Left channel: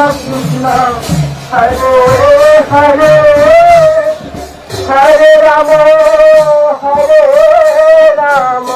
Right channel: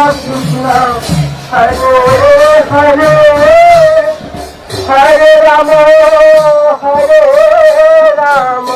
কৃষ্ণ হরে হরে হরে রাম হরে রাম।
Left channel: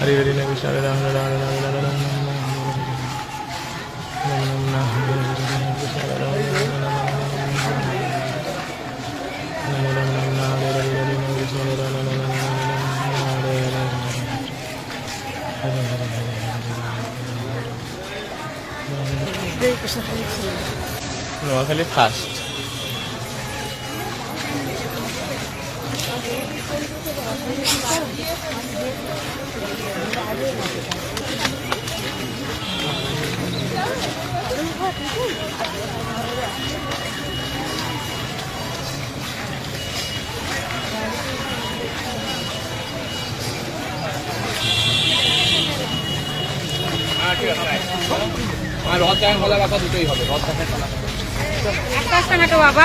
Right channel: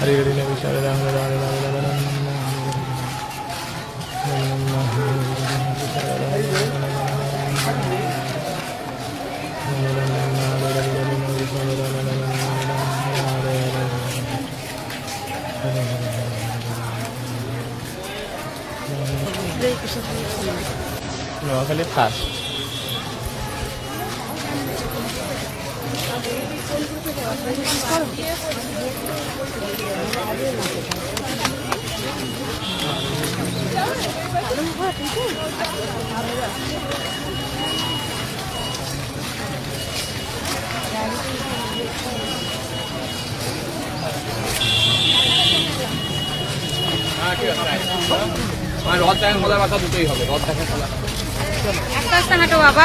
ஹரி ஹரி நவிஷாலா নোয়াখালী ফার্স্ট মানে রথ দেখা খোলা রাখা দুটোই হবে রথ দেখা খোলা একটা বাবা।